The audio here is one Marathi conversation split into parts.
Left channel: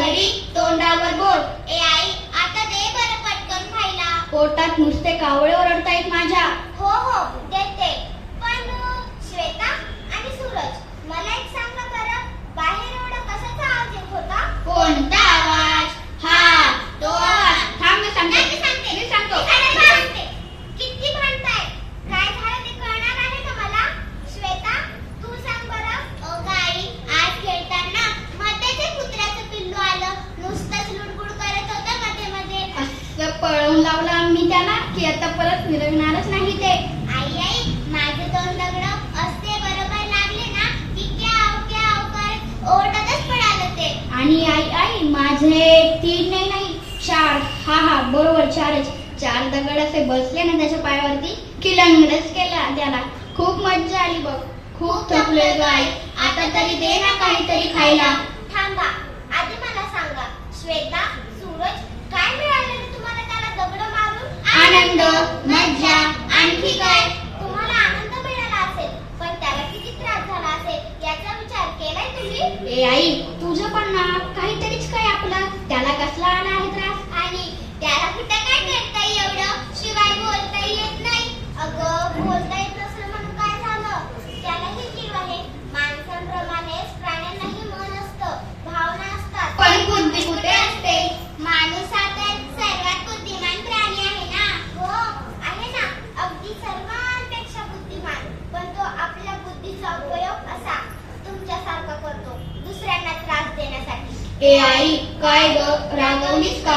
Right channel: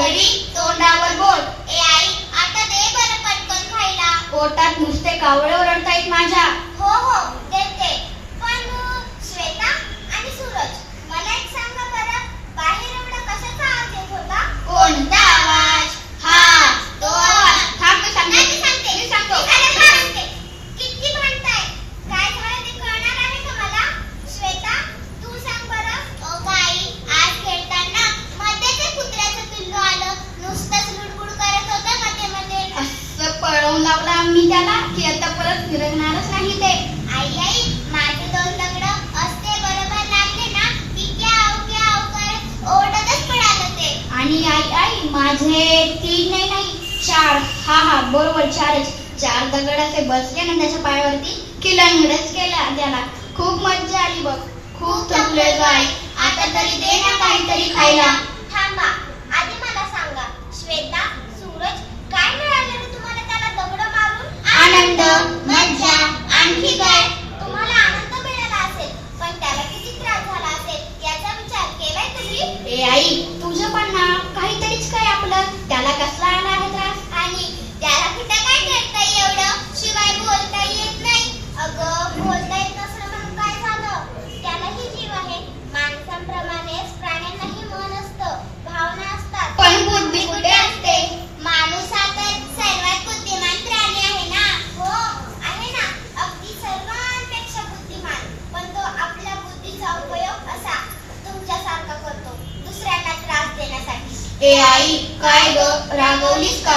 घरी तोंडावर बोट. ए आई आता दे बरं पटकन खायला. पोटात नुसते कावळे ओरडतायत माझ्या हो हो देते पण अ, श्वेता आणि सूरज मला एक सांगा बरं बाहेर एवढा कशाचा आवाज येत होता कोणता आवाज हा तो आवाज थांब मी सांगते नाही, मी सांगते. मी सांगतो अरे, मी सांगते. किती भांडताय काय झालं ते कळणार आहे का मला श्वेता तू सांग बरं ओ गाई आज खेळताना मध्येच एक कुत्र्याचं पिल्लू आलं नुसतंच लुडबुड करत होतं मध्ये मध्ये असं पळवून लावलं आम्ही त्याला की आता परत फिरवणारच नाही ते आई आई माझे दोन दगड असते बरोबर लागले ना की क्याव क्याव करत ओरडतच पळालं ते आणि आई आई माझे तीन नाही नाही चार हा हा बरोबर चारच चार दगड असे बसले ना त्याच्या पायावरती की लंगडच केला. त्याला खूप मज्जा आली बघ. खूप थकलोय ग आई. आता तरी दे ना काहीतरी खायला. थांबा. आधी मला सांगा श्वेता सूरज काय मिळालं रे तुम्हाला त्याला दगड मारून? आनंद मज्जा आणखी काय? तुम्हाला आनंद मिळाला असेल पण त्याला किती त्रास झाला असेल याचा विचार केलाय तुम्ही? ए आई तुझं पण ना काहीतरीच काय आपलं त्याला कसला आला आहे त्रास आणि त्याला कुठं काय करता एवढं शिवाय बोलता येत नाही अगं बोलता येत नसलं म्हणून काय झालं त्यालाही जीव आहे माणसांप्रमाणेच प्राण्यांनाही मन असतं भावना असतात पण बुद्धी कुठे असते माणूस हा तर सर्वात बुद्धिमान प्राणी आहे ना हो आहे ना अगदी सर्वांपेक्षा बुद्धिमान पण तो आपल्या बुद्धीचा उपयोग असा तुमच्यासारखा करतो दुसऱ्यांना त्रास देण्यासाठी ए आई काय ग रागवलीस का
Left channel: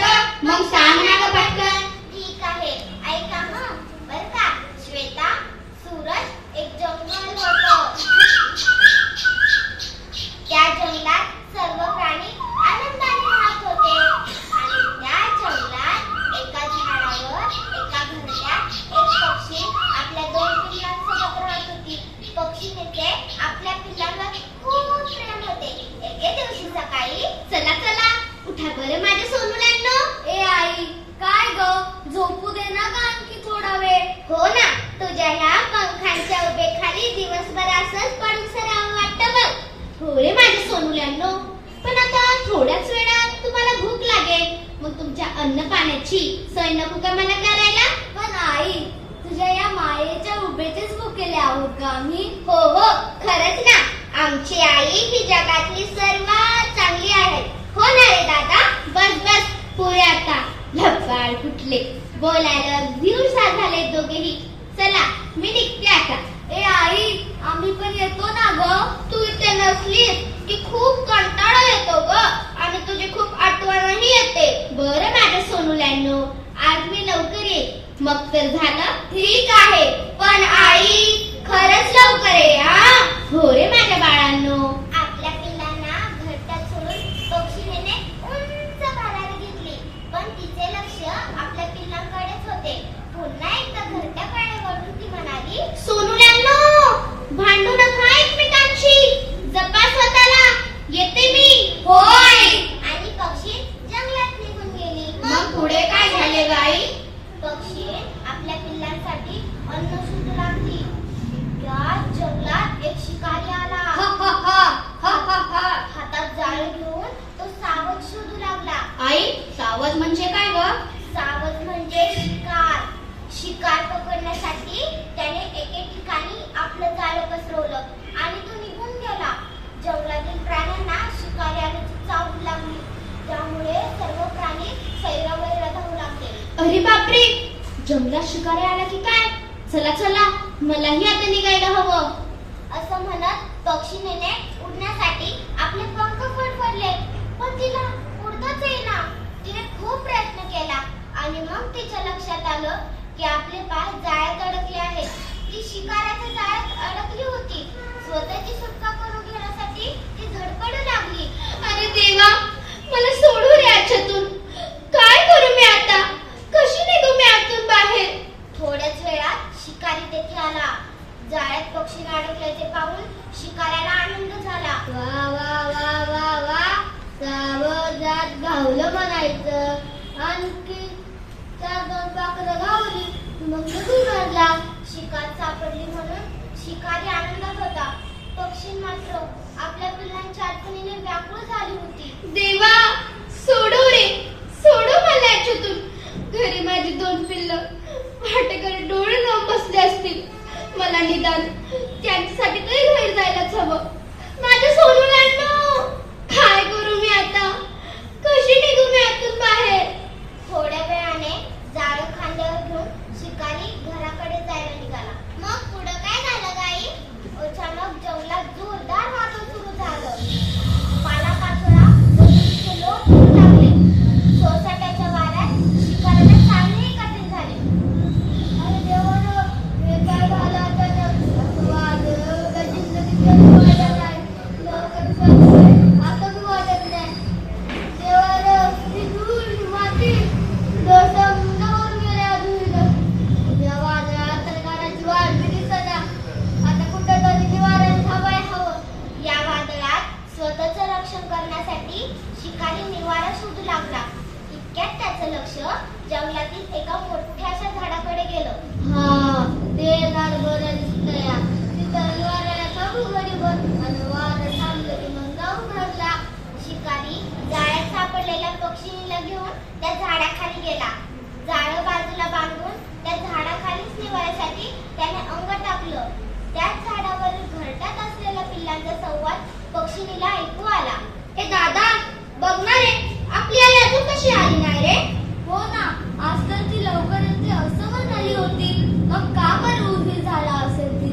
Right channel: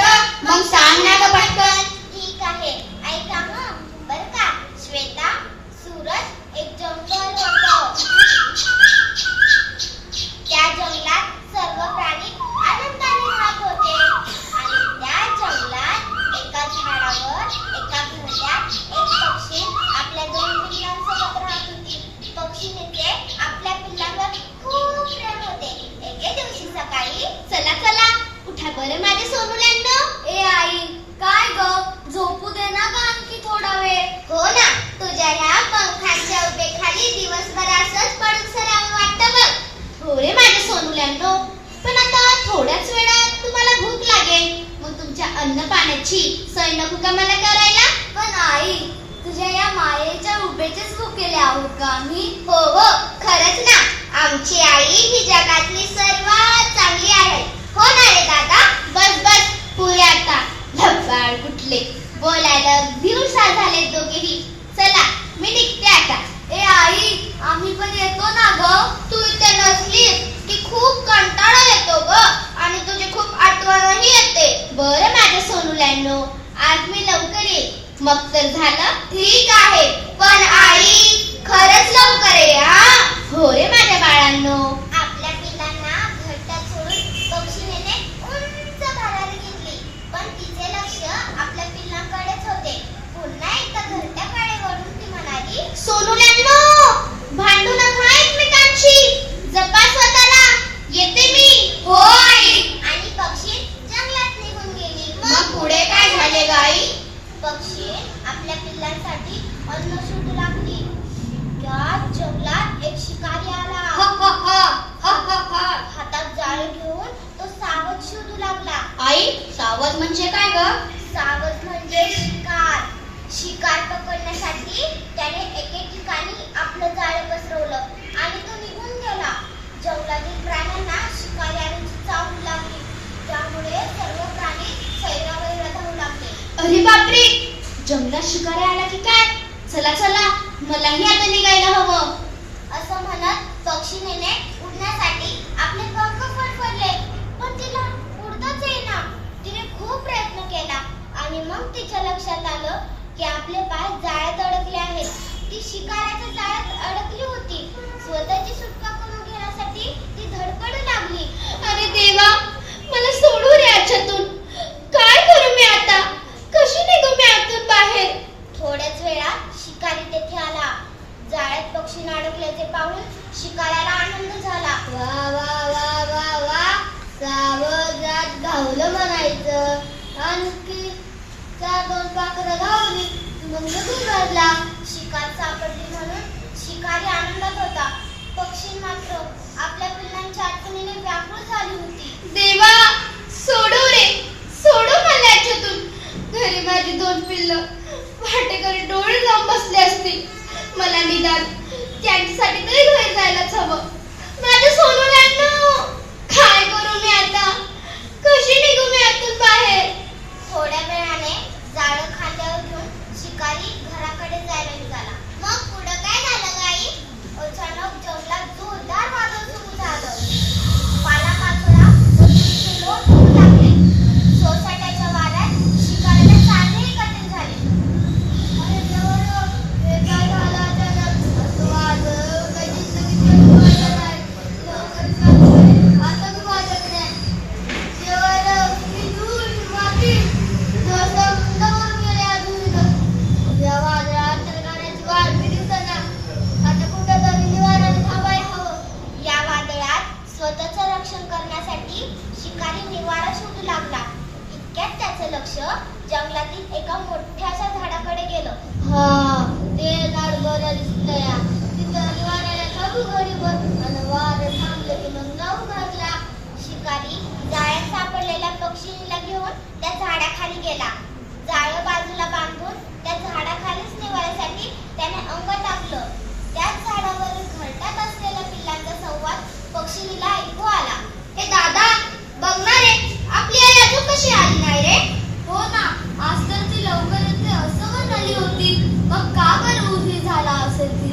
मग सांग ना ग पटकन ठीक आहे. ऐका हं. बर का? श्वेता सूरज एक जंगल होतं. त्या जंगलात सर्व प्राणी आनंदाने राहत होते. आणि त्या जंगलात एका झाडावर एका घरट्यात एक पक्षी आपल्या दोन मुलांसोबत राहत होती. पक्षीने आपल्या पिल्लावर खूप प्रेम होते. एके दिवशी सकाळी चला चला उठा बरं माझ्या सोनुल्यांनो ए आई काय ग झोपू दे ना ग आणखी थोडा वेळ हो उद्याला तुझ्या ह्या पंखांच्या उभेखाली दिवसभर असंच पडून सरावून वाटतं बघ. होय माझ्या सोनुल्यांनो पण आता थोड्याच वेळात तुम्हाला भूक लागेल. मग तुमच्या अन्न पाण्याची सोय नको का मला करायला? पण आई तुझ्या या मायेच्या उभेचेच भुकेले आहोत का आम्ही. हो हो खरंच ना. आमची आई ही जगातली सर्वात चांगली आहे. हो ना रे दादा? बस बस. पुरे आता. लबाड कुठले? बोलायला दिवसा झाले दोघेही. चला मी निघते आता. ए आई आम्ही पण येतो ना ग? तू इथे नसलीस की खूप कंटाळा येतो ग. आणि तुझी खूप आठवणही येते. बरं माझ्या सोनूल्यांनो आज मी लवकर येईल मग तर झालं? ठीक आहे. पण आई खरंच लवकर ये हा? हो रे माझ्या बाळांनो. बापरे जंगलात शिकारा आला की काय? चला चला मलाही आता निघायला हवं. असं म्हणत पक्षिणीने उडण्यासाठी आपले पंख फडफडले. पण तिला उडतच येईना. तिने खूप प्रयत्न केला. आणि मग तिच्या लक्षात आलं की आपले पाय जाळ्यात अडकले आहेत. ती शिकाऱ्याच्या जाळ्यात अडकली होती. आपल्या मुलांच्या आठवणीने व्याकुळ देवा सोडू रे सोडू मला याच्यातून. घरी माझी दोन पिल्लं भाटेकर डोळे लावून बसले असतील. मला निदान त्याच्यासाठी तरी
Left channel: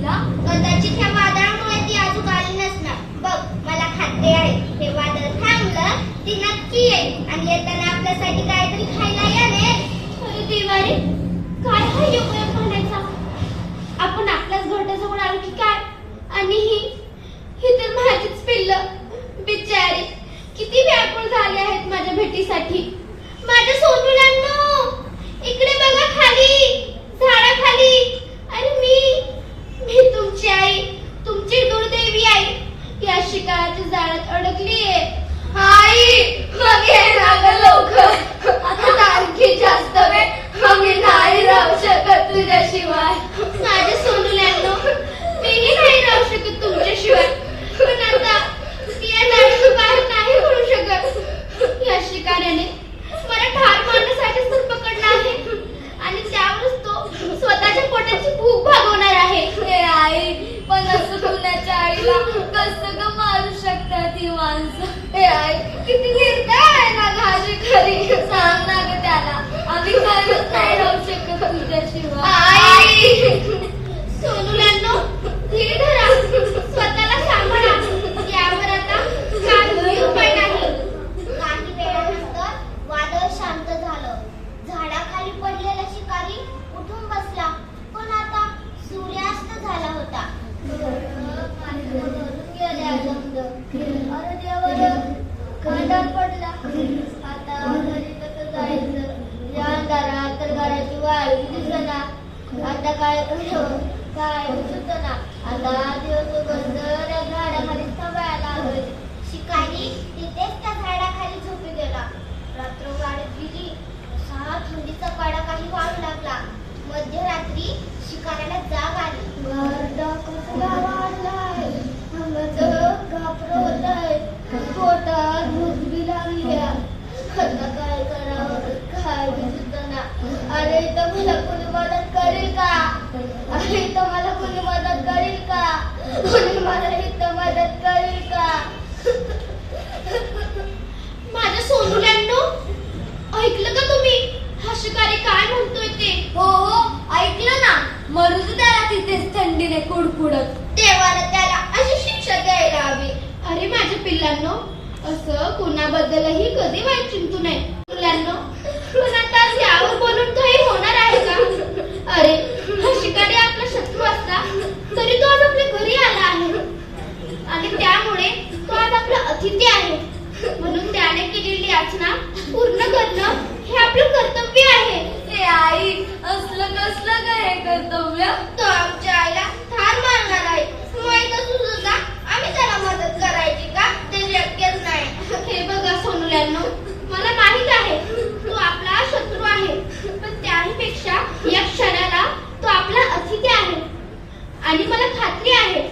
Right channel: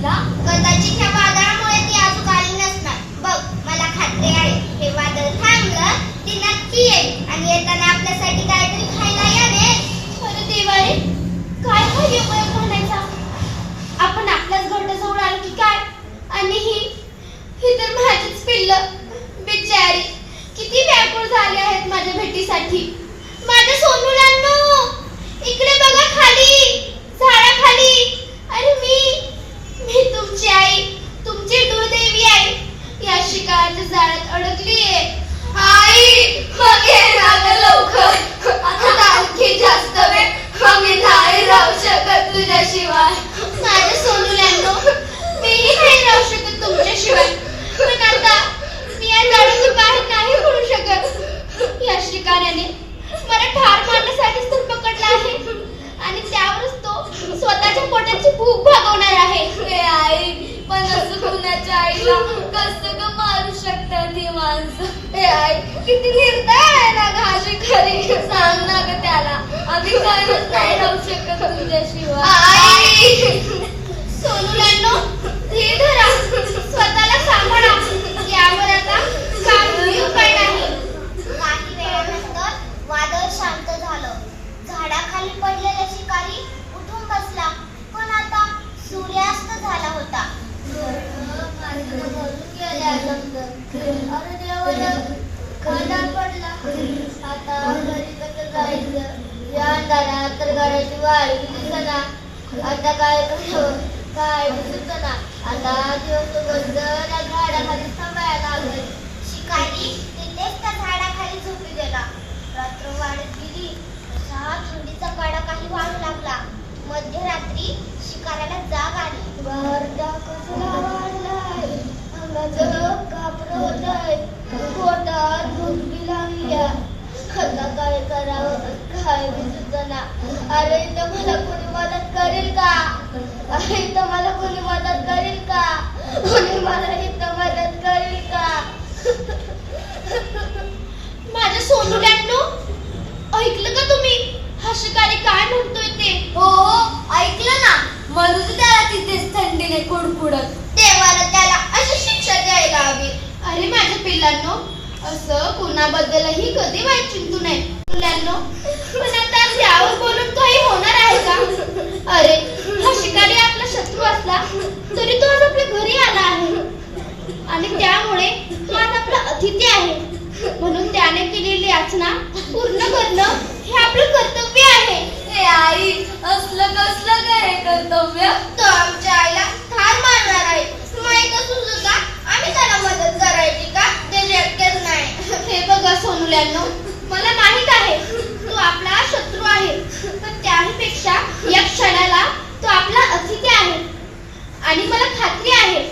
が किती निर्दय आहे ना घाजी खरी सांग ना त्याला. आम्ही करत नाही राहू शकत तुझ्याशिवाय. escrito आणि मला खात्री आहे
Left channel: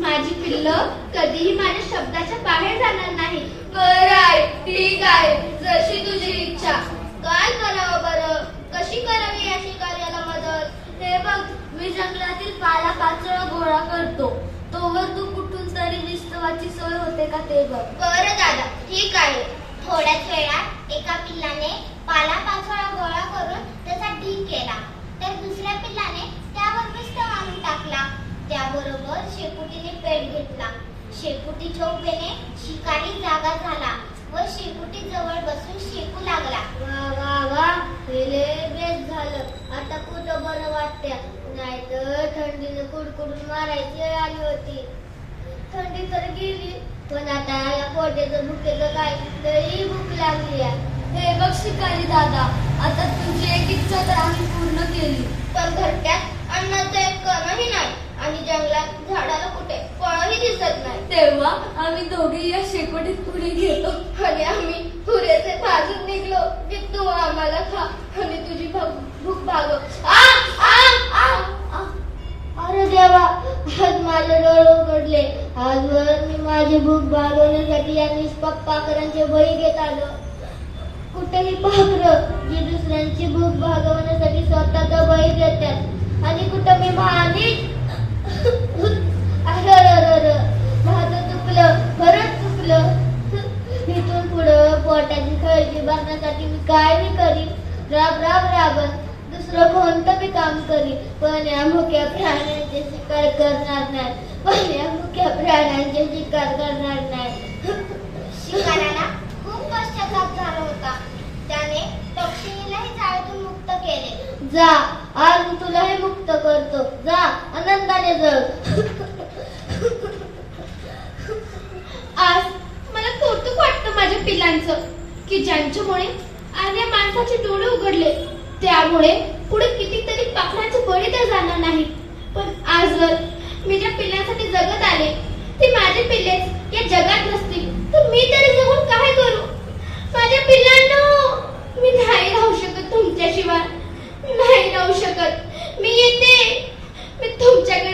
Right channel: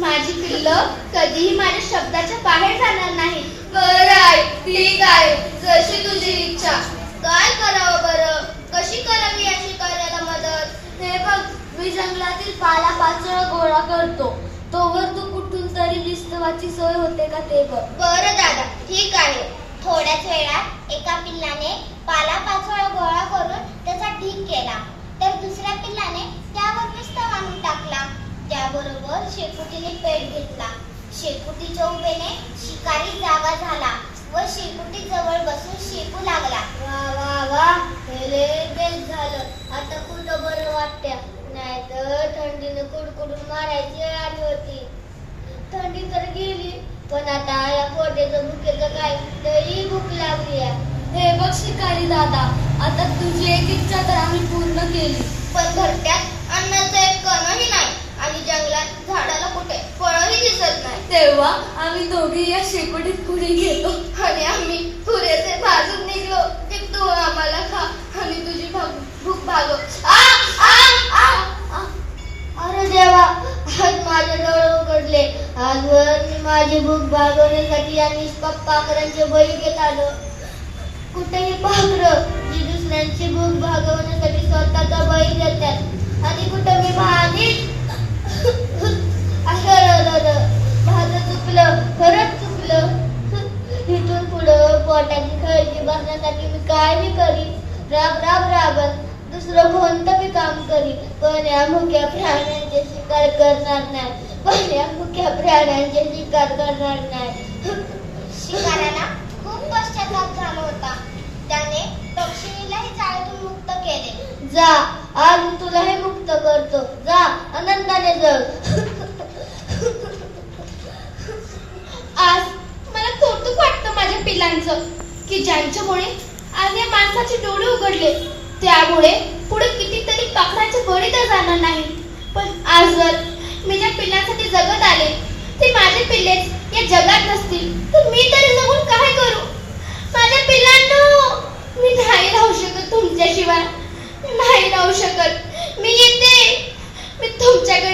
माझी पिल्ल कधीही माझ्या शब्दाच्या बाहेर जाणार नाही. बरं आहे ठीक आहे जशी तुझी इच्छा. काय करावं बरं? कशी करावी या शिकाऱ्याला मदत? हे बघ मी जंगलातील पाला पाचोळा गोळा करतो. तोवर तू कुठून तरी विस्तवाची सोय होते का ते बघ. बरं दादा ठीक आहे. थोड्याच वेळात एका पिल्लाने पाला पाचोळा गोळा करून त्याचा ढीक केला. तर दुसऱ्या पिल्लाने आणून टाकला. त्याबरोबर शेपुटीने पेट घेतला. शेपुटीच्या उभेने शिकारी जागा झाला व शेपुटी जवळ बसून शेपू लागला. वा वा वा हे लगेच झालं. आता कुठं बरं वाटत्या नाहीतर थंडीने कुडकुडून मारायची आली होती. थंडी तर गेली पण आता या कोट्याचं भुकेचं काय? तरी भूक लागली आहे. हे बघ शिकारी दादा आता तुझी एक इच्छा तर आम्ही पूर्ण केली. पण घरट्यात अन्नाचं एक कणही नाही आणि जंगलात झाडाला कुठे फळही दिसत नाही. तेव्हा आम्ही दोघे या शेकोटीत पुढे गेलो. आणि आम्ही पुरेसे भाजून निघलो की तू आम्हाला खा आणि तुझी भूक भागव. आ आ आ आ. अरे देवा आज माझे डोळे उघडले. आजवर मी माझी भूक भागवण्यासाठी या निष्पाप पाखरांचे बळी घेत आलो. कुठेही पाखरं जी दुसऱ्यांची भूक भागवण्यासाठी स्वतःचा बळी देतात आणि कुठं मी माझीच खरंच चुकलं इथून पुढं पोटाची काळजी बघण्यासाठी मी काय मी करीन राब राब राबत. दुसरं कोणतं मी काम करीन पण या मुख्या प्राण्यांचे शिकार करणार नाही. पण या मुख्या प्राण्यांचे शिकार करणार नाही. शिकाऱ्याला खूप पश्चाताप झाला होता. त्याने पक्षिणीलाही जाळ्यातून मुक्त केले. जा आज मी तुलाही मुक्त करतो. जा आनंदाने जग आज मला कौतुक वाटतं माझ्या पिल्लांचं की ज्यांच्यामुळे अन्य माणसाचे डोळे उघडले त्यामुळे पुढे कितीतरी पाखरांचे गोळे तर जाणार नाही. पण आज जर मी ज्या पिल्लांसाठी जगत आले ते माझे पिल्लेच या जगात नसतील तर मी तरी जगून काय करू? माझ्या पिल्लांनो मी नाही राहू शकत तुमच्याशिवाय. नाही राहू शकत. मी येते. मी तुमच्याकडे